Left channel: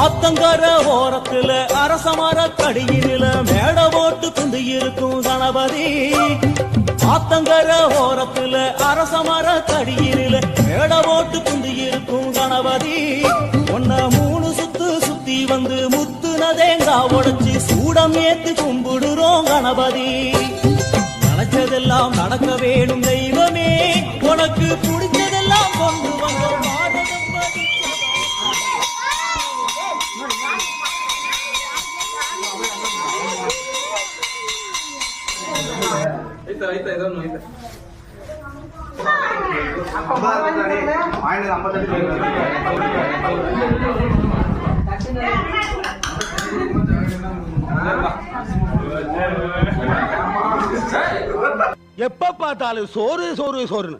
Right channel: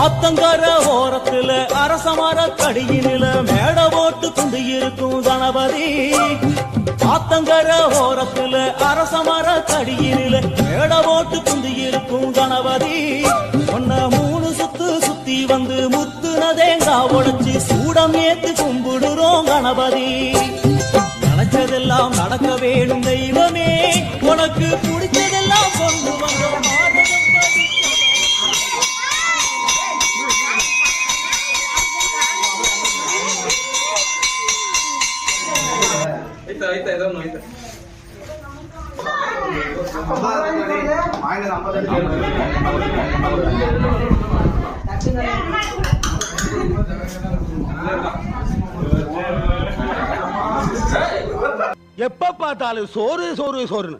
ஆத்தங்கர ஓரத்துல அரசமர கடியினில மேட போட்டு குந்தி இருக்கும் கணபதி. ஆத்தங்கர ஓரத்துல அரசமர கடியினில மேட போட்டு குந்தி இருக்கும் கணபதி. ஒன்ன 3 சுத்து சுத்தி வந்து முத்துனதேங்கா உடைச்சு சூடம் ஏத்து கும்பிடுறோம் கணபதி. நினைச்சதெல்லாம் நடக்க வேணும் தெய்வமே, உனக்கு பிடிச்சதெல்லாம் கொண்டு வந்தோம். எப்ப பார்த்தாலும் சோறு சோறு சோறுன்னு